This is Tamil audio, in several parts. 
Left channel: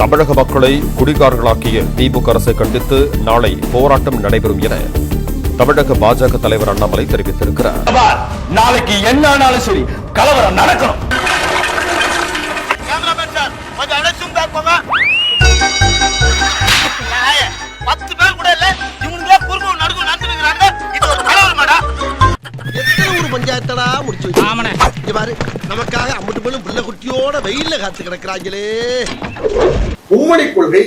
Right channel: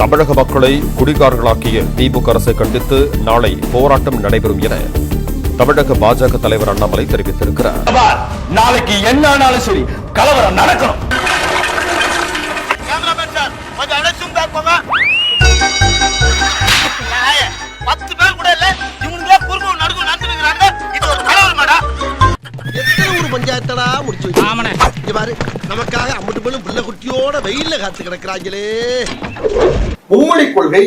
தமிழக மக்களை குடிகாரர்களாக்கிய திமுக அரசை கண்டித்து நாளை போராட்டம் நடைபெறும் என தமிழக பாஜக தலைவர் அண்ணாமலை தெரிவித்திருக்கிறார். நாளைக்கு என்ன ஆனாலும் சரி கலவரம் நடக்கணும். வெயில்ல காத்து கிடக்குறாங்களே. மும்மொழி கொள்கை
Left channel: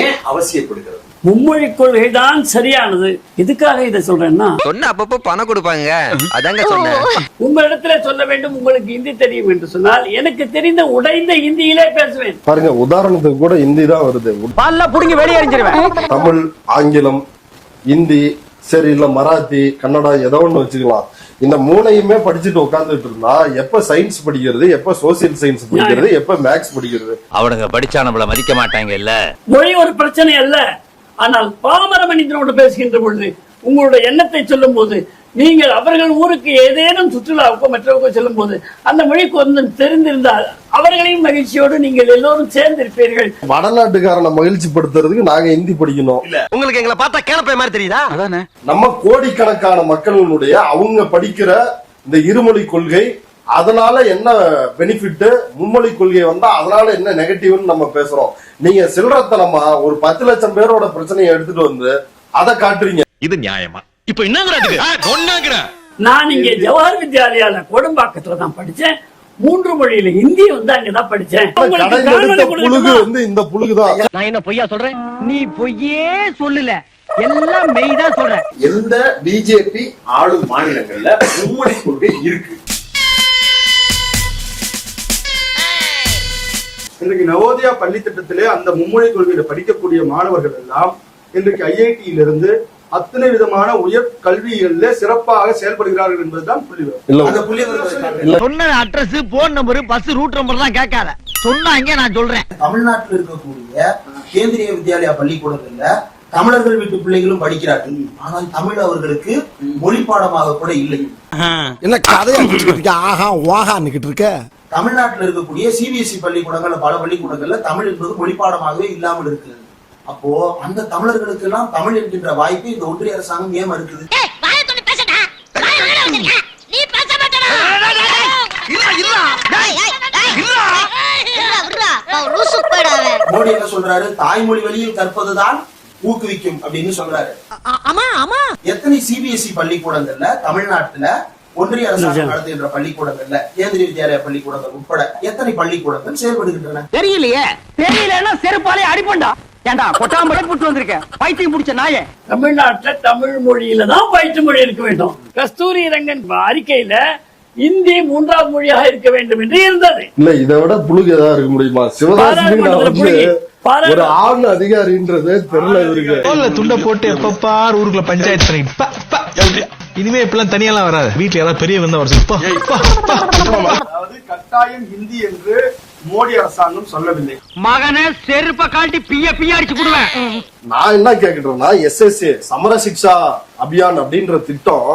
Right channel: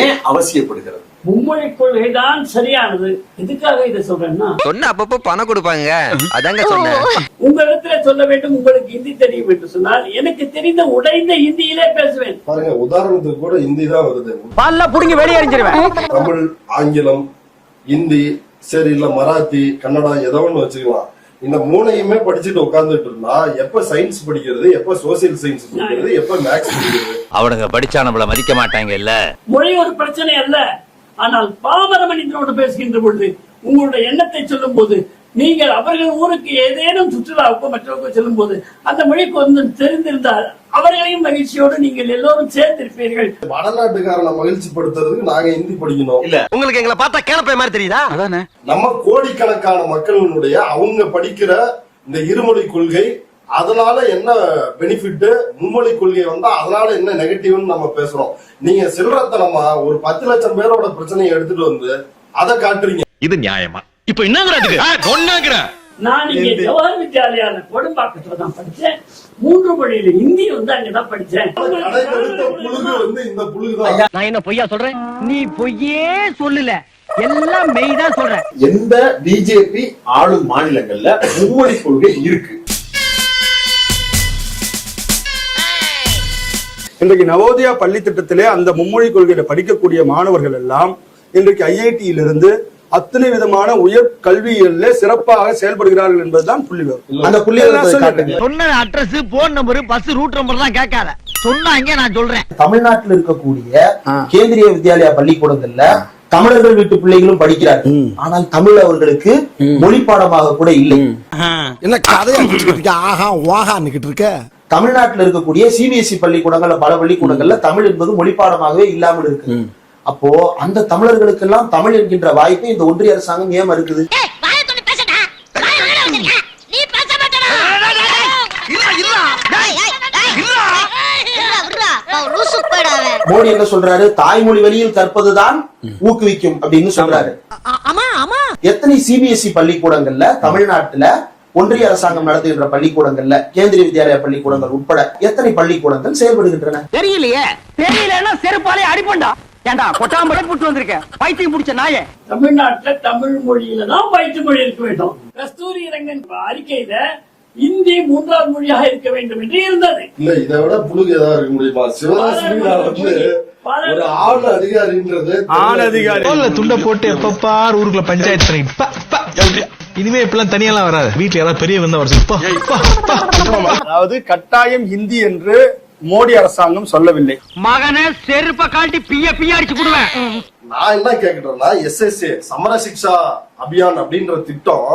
ஏன் அவசியப்படுகிறது? மும்மொழி கொள்கை தான் சரியானது. எதுக்காக இதை சொல்றேன்னா சொன்ன அப்பப்போ பணம் கொடுப்பாங்க. அதாங்க சொன்னேன். உங்களிடத்துல சொல்ல வேண்டும் உங்களுக்கு ஹிந்தி தெரியும் என்று சொன்னால் எனக்கு தெரிந்த உடைந்த ஹிந்தியிலே பேசுவேன். பாருங்க உதாரணத்துக்கு கூட ஹிந்தி தான் வருது. பல்ல புடுங்கி வெளியே எறிஞ்சிருவேன் தமிழ் ஆங்கிலம் ஹிந்தி சரி இல்ல மராத்தி கன்னடா ஏதோ ஒண்ணு வச்சுக்கலாம் இந்த மூணையுமே படிச்சுட்டு உட்கார்ந்துட்டு இருந்தா எப்ப சயின்ஸ் படிக்கிறது எப்ப சோசியல் சயின்ஸ் படிக்கிறது எப்ப மேக்ஸ் படிக்கிறது? அவனுங்க படிச்சா நம்மள மதிக்க மாட்டாங்க இல்ல. மொழி ஒரு பிரச்சனை அல்ல. ஆனால் பாமர மனிதனோடு பேசுகின்ற பொழுது உங்களுடைய எண்ணத்தை சொல்லும் போது நீங்கள் அவர்கள் ஊருக்கு ஏதேனும் சுற்றுலாவுக்கோ மற்றவருக்கோ செல்லும் போது அந்த மொழி கொஞ்சம் தெரிந்திருந்தால் அவர்களையும் மகிழ்ச்சியோடு நீங்கள் எல்லோரும் சேர்ந்திருப்பீர்கள். வடநாட்டுக்காரனை மகிழ்ச்சி படுத்துறதுக்கு நாங்க ஹிந்தி படிக்கணும். உங்களுக்கு எங்களை பார்த்தா கேனப்பை மாதிரி தெரியுதா? நம்ம கோடிக்கணக்கான மக்களினுடைய அவங்க படிக்கிற இந்த இருமொழி கொள்கை அதனால என்ன பெனிஃபிட் மும்மொழி கொள்கை வந்தா அதனால என்ன நெகட்டிவ்னு நம்ம பேசுறோம். நீங்க சில்லறத்தனமா ஒரு பத்து லட்சம் பேரோட பிரச்சனையை எடுத்துட்டு வந்து அதை காட்டுறீங்க. இது நியாயமா? இப்ப என்னங்கிறதுக்கு நான் இங்கே ஜவஹர் வித்யாலயால கொடும்பாக்கத்துல தான் படிச்சேன். மூன்று மொழியில ஹிந்தி வந்து அங்கதான் படிச்சேன். புழுகு? வந்து இந்த புழுகுதான். நான் என்ன பொய்யா சொல்றேன்? நீ பொய்யே சொல்லல. எல்லாம் மெய் தான் சொல்றேன். எந்த பிஜேபி ஆளும் மாநிலங்கள்ல மும்மொழி கொள்கை இருக்கு? இன்றைக்கு நவோதயா பள்ளி திட்டத்திலே அந்த மும்மொழி கொள்கையில படிக்கக்கூடிய மாணவர்கள் எல்லாம் இன்றைக்கு ஐஐடியிலிருந்து அத்தனை விதமான உயர் கல்வியில சிறப்பாக செயல்படுகிறார்கள் என்பதுதான் புள்ளிவிவரம் அந்த காட்டுங்க சொன்ன address phone number bus route number தான் கேட்காத. சொன்னாங்க நான் சொல்றேன். தமிழ்நாட்டில் இருக்கக்கூடிய கேந்திரிய வித்யாலயா பள்ளிக்கூடங்கள்ல தமிழர்கள் வீட்டு பிள்ளைகளும் படிக்கிறார்கள். ஆனால் தமிழ் அவர்களுக்கு மொழி பாடமாக கூட இல்லை. என்ன கதையா ஆஹா வாகான்னுகிட்டு இருக்க. தமிழ்நாட்டில் இருக்கக்கூடிய சிபிஎஸ்இ பள்ளிக்கூடங்கள்ல பல பள்ளிக்கூடங்கள்ல தமிழ் என்பது மொழி பாடமாகவே இல்லாமல் இருக்கு. அப்போ அந்த தமிழர்களுக்கெல்லாம் தமிழ் என்கின்ற வாய்ப்பை இந்த ஒன்றிய அரசாங்கம் ஏன் இருக்குது நீ பேச மாட்டடா மோடி என்ன சொல்றாரு? தாய்மொழி வழியில் கற்பதுதான் ஊக்குவிக்கும் அப்படின்னு சொல்றாரு. எத்தனை சிபிஎஸ்இ பள்ளிக்கூடங்கள்ல தமிழ்நாட்டுல ஒன்றிய அரசாங்கம் நடத்துகின்ற பள்ளிக்கூடங்கள்ல கேந்திரிய வித்யாலயா பள்ளிக்கூடங்கள் உட்பட எத்தனை பள்ளிக்கூடங்கள் செயல்படுகின்றன? தெரியலையே. தெரியலன்னா செருப்பாலே அடிப்பண்டா. ஏண்டா கொட்டாம்படை புட்டு வந்திருக்கேன் பைத்தியம் பிடிச்ச நாயே. தமிழ்நாட்டுல தமிழ் மொழியில தான் பயிற்று மொழி இருக்க வேண்டும். கஸ்தூரி ரங்கன் அறிக்கையில இந்தி மூன்றாவது மொழியாக இருக்க வேண்டும் என்று இருந்தது. இல்ல இதை விட புழுகு ஏதாவது இருக்க முடியுமா? ஒரு ஆண் அதிகாரின்றது துண்ட போட்டு எப்பப்பார் ஊருக்குள்ள பஞ்சாயத்து பண்ணி பா, பா. இனிமே இப்பெல்லாம் தனியெல்லாம் வராது. வீட்டுல யாராவது பெரிய வந்தா வர. அதாவது கட்டாயம் ஹிந்தி என்று மோடி அரசாங்கம் சொல்லவில்லை. மகனை செருப்ப காட்டி பிய பிய அடிச்சு போடுவேன். நான் என்ன கேக்குறேன்னா எஸ்எஸ்ஏ சமர சிக்ஷா அபியான் அப்படின்ற திட்டம்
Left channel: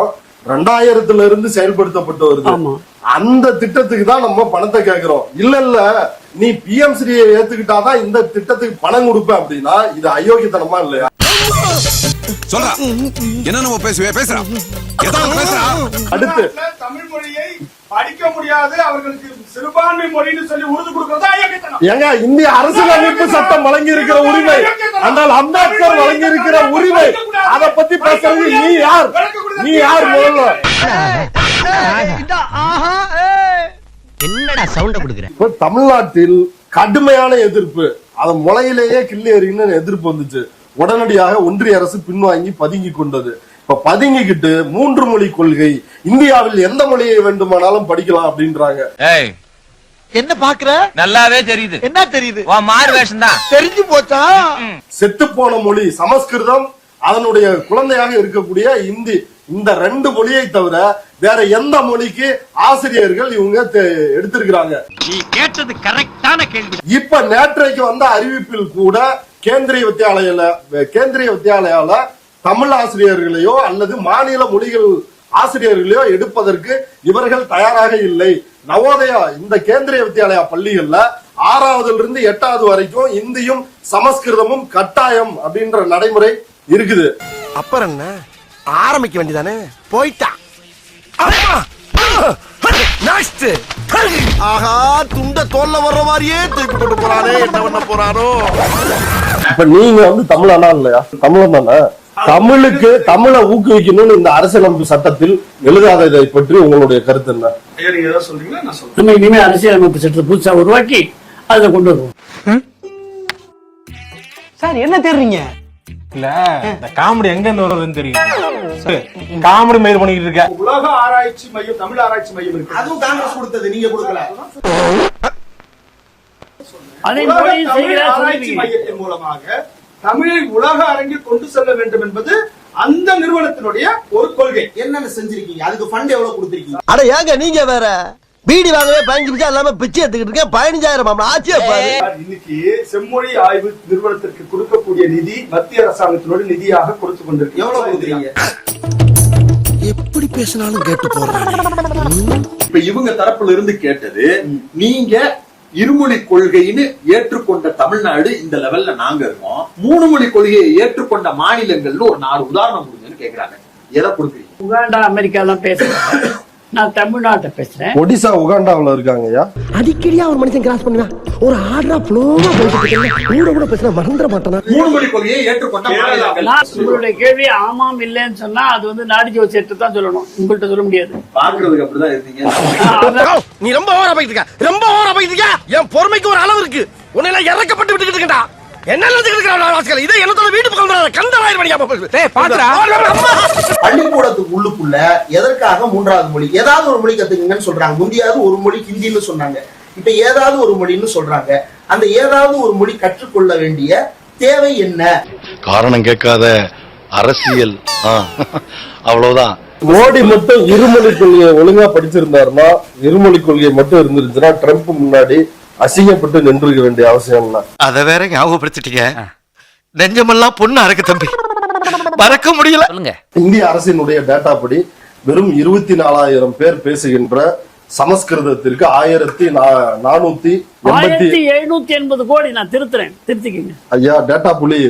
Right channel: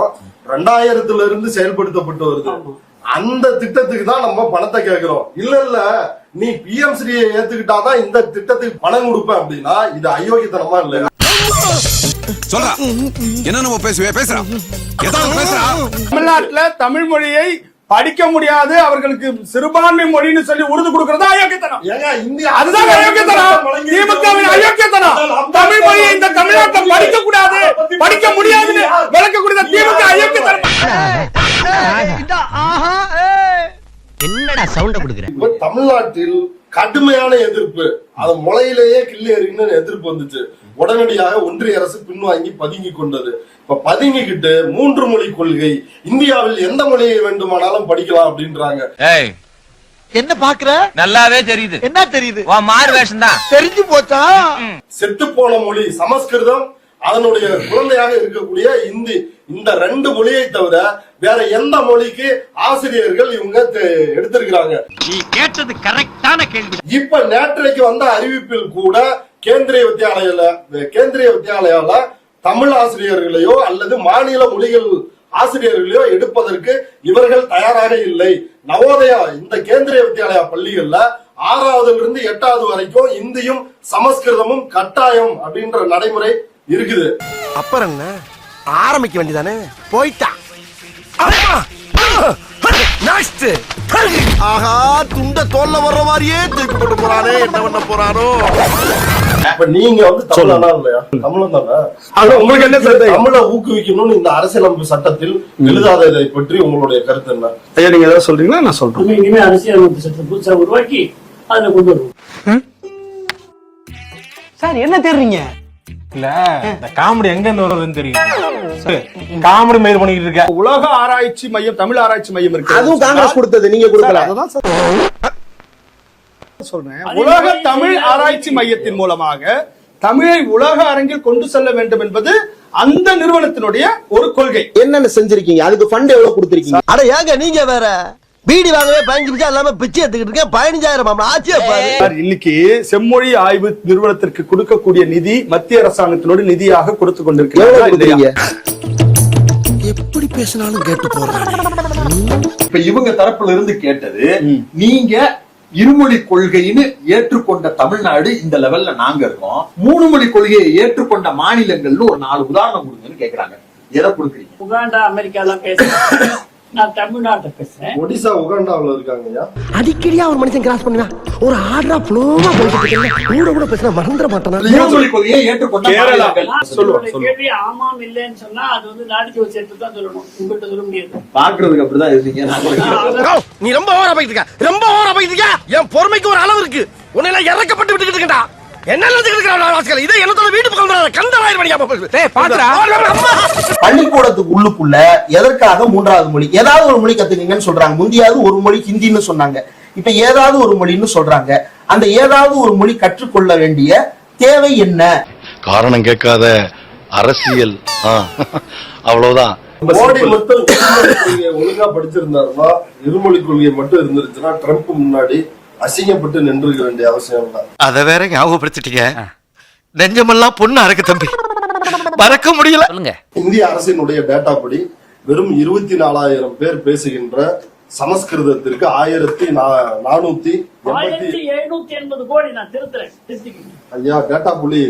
ரெண்டாயிரத்துல இருந்து செயல்படுத்தப்பட்டு வருது. அந்த திட்டத்துக்கு தான் நம்ம பணத்தை கேக்குறோம் இல்ல இல்ல நீ பிஎம்சி ஏத்துக்கிட்டாதான் இந்த திட்டத்துக்கு பணம் கொடுப்பேன் அப்படின்னா இது அயோக்கியத்தனமா இல்லையா? சொல்றா. என்ன நம்ம பேசுவே? பேசுறா. தமிழ் மொழியை படிக்க முடியாது அவர்களுக்கு சிறுபான்மை மொழின்னு சொல்லி உறுதி கொடுக்கறதா அயோக்கியத்தனம். ஏங்க இந்திய. சட்டம் வழங்கி படிக்க முடியாது. என்னடா சவுண்ட குடுக்குற? இப்ப தமிழ்நாட்டில் கடுமையான எதிர்ப்பு. அது முளையிலேயே கிள்ளி எறின்னு எதிர்ப்பு வந்துச்சு. உடனடியாக ஒன்றிய அரசு பின்வாங்கி பதுங்கி கொண்டது. இப்ப பதுங்கிக்கிட்டு மூன்று மொழி கொள்கை இந்தியாவில் எந்த மொழியை வேண்டுமானாலும் படிக்கலாம் அப்படின்றாங்க. ஏய். என்ன பாக்குற? நல்லாவே தெரியுது. என்ன தெரியுது? மாறு வேஷம் தான். தெரிஞ்சு போச்சா? செத்துப்போன மொழி சமஸ்கிருதம் அதனுடைய குழந்தையாக இருக்கக்கூடிய இந்தி இந்த ரெண்டு மொழியை தவிர வேற எந்த மொழிக்கு ஆசிரியர்கள் இவங்க எடுத்திருக்கிறாங்க. நீ கேட்டது கரெக்டான கேள்வி. இப்ப நேற்றைக்கு வந்த அறிவிப்பில் கூட கேந்திரிய வித்யாலயில கேந்திரிய வித்யாலயால தமிழ் ஆசிரியர்களையோ அல்லது மாநில மொழிகள் ஆசிரியர்களையோ எடுப்பதற்கு இவர்கள் தயாராக இல்லை. நவோதயா இந்த கேந்திரிய வித்யாலயா பள்ளிகள்ல ஆறாவதுல இருந்து எட்டாவது வரைக்கும் இந்தியும் சமஸ்கிருதமும் கட்டாயம் அப்படின்ற நடைமுறை இருக்குது. அப்புறம் என்ன? ஆரம்பிக்க வேண்டியதானே? போயிட்டா. ஆஹா துண்ட தோல்ல வர்ற மாதிரியே தூக்கி போட்டு போறானே. என்ன பண்ண போறானோ? இப்ப நீங்க வந்து தமிழனா இல்லையா? தமிழன் தானே. தமிழுக்கு. தமிழை ஊக்குவிக்கணும்னு இந்த அரசியலமைப்பு சட்டத்தில் எழுதாததை பற்றி உங்களுடைய கருத்து என்ன? ஐயா நீங்க ஏதாவது சொல்றீங்களா? நான் சொல்றேன். நம்ம இனிமே அரசியலமைப்பு சட்டத்தை புதுசா உருவாக்கி அதை கொண்டு வருவோம். சார் என்ன தேடுறீங்க? இல்ல இந்த காமெடி எங்க இருந்து வருதுன்னு தெரியும் காமெடி மயிர் பண்ணிக்கிட்டு இருக்க உலக ஆராய்ச்சி மையம் தமிழ் ஆராய்ச்சி மையம் இருக்கு. அதுவும் காங்கிரஸ் கொடுத்தது நீங்க கொடுக்கல. சொல்றேன். தமிழ் ஆராய்ச்சி. மையத்தின் மூலமாக தமிழை உலக அரங்கில் கொண்டு செல்ல வேண்டும் என்பது அந்த நிறுவனத்தினுடைய ஒரு கொள்கை. என்னென்ன செஞ்சிருக்கீங்க? அதுக்கு ஃபண்ட் எவ்வளவு கொடுத்திருக்கீங்க? அட ஏங்க நீங்க வேற பீடி வாங்கவே பதினஞ்சு நிமிஷம் இல்லாம பிச்சை எடுத்துக்கிட்டு இருக்கேன். பதினஞ்சாயிரம் மாமா ஆச்சியா பாரு. சார், இன்னைக்கு செம்மொழி ஆய்வு நிறுவனத்திற்கு கொடுக்கக்கூடிய நிதி மத்திய அரசாங்கத்தினோட நிதியாக கொடுத்து கொண்டிருக்கிறாங்க எப்படி பேசினாலும் கேட்டு போறானே இப்ப இவங்க தரப்புல இருந்து கேட்டது நீங்க இருமொழி கொள்கைன்னு ஏற்றுக்கொண்ட தமிழ்நாடு இந்த லெவல்ல நாங்க இருக்கோம். மூணு மொழி கொள்கையை ஏற்றுக்கொண்ட மாநிலங்கள்னு ஒரு நாலு உதாரணம் கொடுங்கன்னு கேக்குறாங்க. எதை கொடுக்குறீங்க? உகாண்டா அமெரிக்கா எல்லாம் பேசுறாங்க. நான் தமிழ்நாட்டை பேசுறேன். ஒடிசா உகாண்டாவுல இருக்காங்க ஐயா அடிக்கடியா ஒரு மனுஷன் கிராஸ் பண்ணுவேன் ஒரு ஆர்டரா ஃப்ளோவா போயிட்டு இருக்கேன் கூட கூட பேசினா மறந்துட மாட்டானா? கேள்வி ஆமாம் இல்லைன்னு சொன்னா அது வந்து நாடி ஜோசியத்தை தான் சொல்லணும். உங்கள்கிட்ட சொல்ல முடியாது. பாக்குறதுக்கு அப்படிதான் இருக்கீங்க நான் அதான் நீ ரொம்ப ஓவரா போயிட்டு இருக்க. ரொம்ப ஓவரா போயிட்டு இருக்க. என் பொறுமைக்கு ஒரு அளவு இருக்கு. உன்னை எல்லாம் இறக்கப்பட்டு விட்டுக்கிட்டு இருக்கா என்ன வாசிக்கல இதை என்னத்தோட வீட்டு பக்கம். கந்தராயிரம் மணியா பள்ளிக்கூடத்துக்கு உள்ளுக்குள்ள எதற்காக மூன்றாவது மொழி ஏதாவது ஒரு மொழி கத்துக்கங்கன்னு சொல்றாங்க. முந்தியாவது ஒரு மொழி ஹிந்தின்னு சொன்னாங்க. இப்ப ஏதாவது ஒரு மொழின்னு சொல்றாங்க. அந்த ஏதாவது ஒரு மொழி கற்றுக்கொள்ள வேண்டிய தேவை என்ன? காரணம் கேட்காத அரசியல். ஆ, அவ்வளவுதான். மோடி மட்டும் இருமொழி கொள்கையை ஒழுங்கா படிச்சிருந்தாருன்னா இருமொழி கொள்கை மட்டும் இருந்துருச்சுன்னா ட்ரம்ப் முன்னாடி அசிங்கப்பட்டு நின்றுக்க வேண்டிய அவசியம் இல்லை அத வேற ஞாபகப்படுத்திட்டீங்க. நெஞ்சமெல்லாம் பொண்ணு அறக்கு தம்பி. மறக்க முடியல. இந்திய அரசினுடைய டேட்டா படி வெறும் இருபத்தி நாலாயிரம் பேர் பேசுகின்ற சமஸ்கிருதத்திற்கு ஆயிரத்தி நா- நானூத்தி எண்பத்தி ஆயிரத்தி எழுநூத்தி எண்பது கோடி நான் திருத்துறேன். திருத்திக்கிங்க. ஐயா டேட்டா புலி.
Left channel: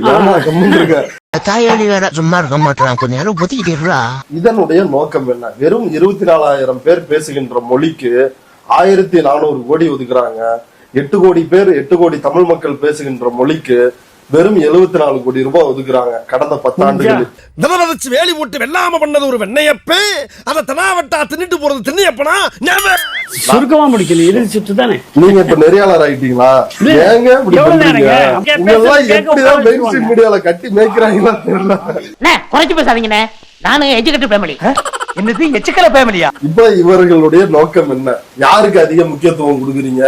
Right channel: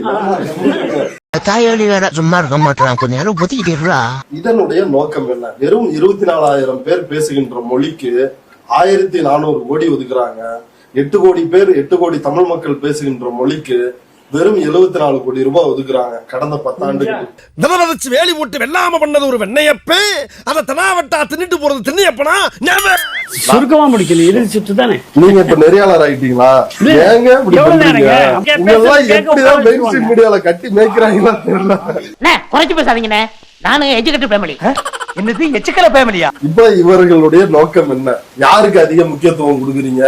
தாயாளி வேற சும்மா இருக்க மாட்டான். கொஞ்ச நேரம் ஒத்திக்கிட்டா இதனுடைய நோக்கம் என்ன? வெறும் இருபத்தி நாலாயிரம் பேர் பேசுகின்ற மொழிக்கு ஆயிரத்தி நானூறு கோடி ஒதுக்குறாங்க. எட்டு கோடி பேர் எட்டு கோடி தமிழ் மக்கள் பேசுகின்ற மொழிக்கு வெறும் எழுபத்தி நாலு கோடி ரூபாய் ஒதுக்குறாங்க கடந்த பத்தாண்டுகளில். வச்சு வேலி போட்டு வெள்ளாம பண்ணது ஒரு வெண்ணையப்பே. அத தனாவட்டா தின்னுட்டு போறது திண்ணையப்பனா சுருக்கமா முடிக்கல இறுதி சுற்று தானே? நீங்க இப்ப நெறியாளர் ஆயிட்டீங்களா? ஏங்க இப்படி பண்றீங்க? எப்படிதான் உட்கார மெயின் ஸ்ட்ரீம் மீடியால கட்டி மேய்க்கிறாங்களா தெரியல. குறைச்சு பேசாதீங்கண்ணே. நானும் எஜுகேட்டட் ஃபேமிலி என்னது எச்சுக்கல ஃபேமிலியா இப்ப இவர்களுடைய நோக்கம் என்ன? யாருக்கு அதிக முக்கியத்துவம் கொடுக்குறீங்க?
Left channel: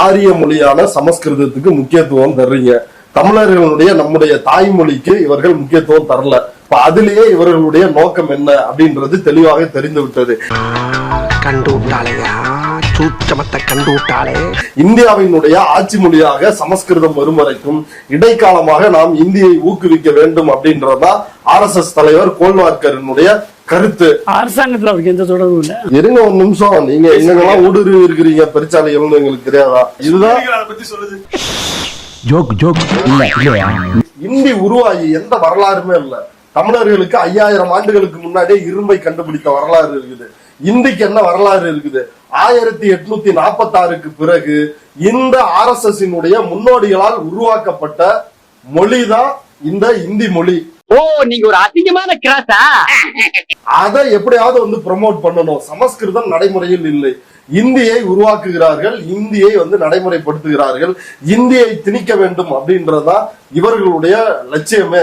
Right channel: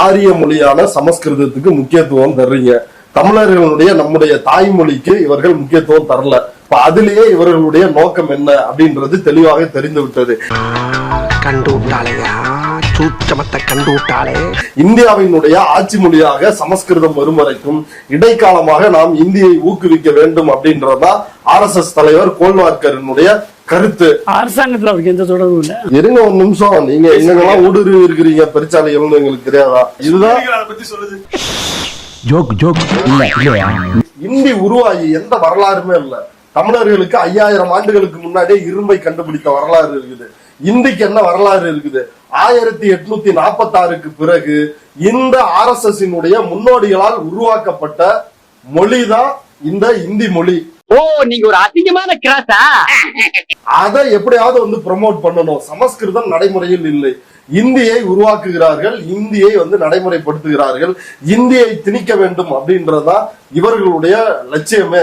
ஆரிய மொழியான சமஸ்கிருதத்துக்கு முக்கியத்துவம் தர்றீங்க. தமிழர்களுடைய நம்முடைய தாய்மொழிக்கு இவர்கள் முக்கியத்துவம் தரல. இப்ப அதிலேயே இவர்களுடைய நோக்கம் என்ன அப்படின்றது தெளிவாக தெரிந்து விட்டது. சூச்சமத்தை இந்தியாவினுடைய ஆட்சி மொழியாக சமஸ்கிருதம் வரும் வரைக்கும் இடைக்காலமாக நாம் இந்தியை ஊக்குவிக்க வேண்டும் அப்படின்றதுதான் ஆர் எஸ் எஸ் தலைவர் கோல்வார்கரனுடைய கருத்து. அரசாங்கத்துல அவருக்கு எந்த தொடர்பும் இல்ல. இருங்க ஒரு நிமிஷம். நீங்க எங்கெல்லாம் ஊடுருவி இருக்கிறீங்க? பெருச்சாலைகள்னு எங்களுக்கு தெரியாதா? இதுதான். அதை பத்தி சொல்லுது. இந்தி உருவாகி எந்த வரலாறுமே இல்ல. தமிழர்களுக்கு ஐயாயிரம் ஆண்டுகளுக்கு முன்னாடியே இரும்பை கண்டுபிடித்த வரலாறு இருக்குது. இந்திக்கு என்ன வரலாறு இருக்குது? ஆயிரத்தி எட்நூத்தி நாற்பத்தி ஆறுக்கு பிறகு இந்த ஆர் எஸ் எஸ் முன்னோடிகளால் உருவாக்கப்பட்ட மொழிதான் இந்த இந்தி மொழி. ஓ நீங்க ஒரு அசிங்கமான கிராஸா அதை எப்படியாவது வந்து ப்ரமோட் பண்ணணும். சமஸ்கிருதம் நடைமுறையில் இல்லை. இந்தியை உருவாக்குகிறார்கள் இந்தியை வந்து நடைமுறைப்படுத்துகிறார்கள் இந்தியை திணிக்க வேண்டும் அப்படின்றதுதான் இவர்களுடைய லட்சியமே.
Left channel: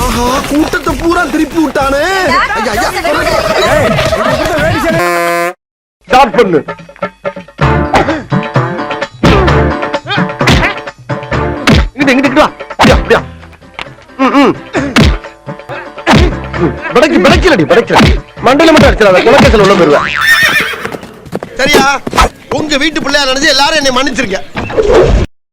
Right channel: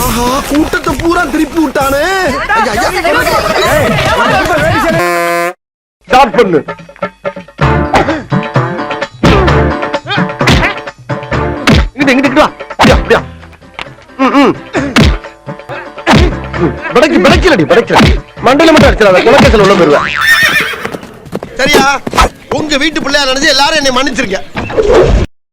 ஆஹா கூட்டத்தை பூரா திருப்பி விட்டானே. ஸ்டார்ட் பண்ணு. படைக்கு படைக்கலடி மண்டையில மட்டும் அடிச்சிடாத குலக்கேசல் உள்ள போயிருவேன் சரியா? உங்க வீட்டு பிள்ளையா நினைச்சு எல்லாரும் என்னை மன்னிச்சிருக்கேன்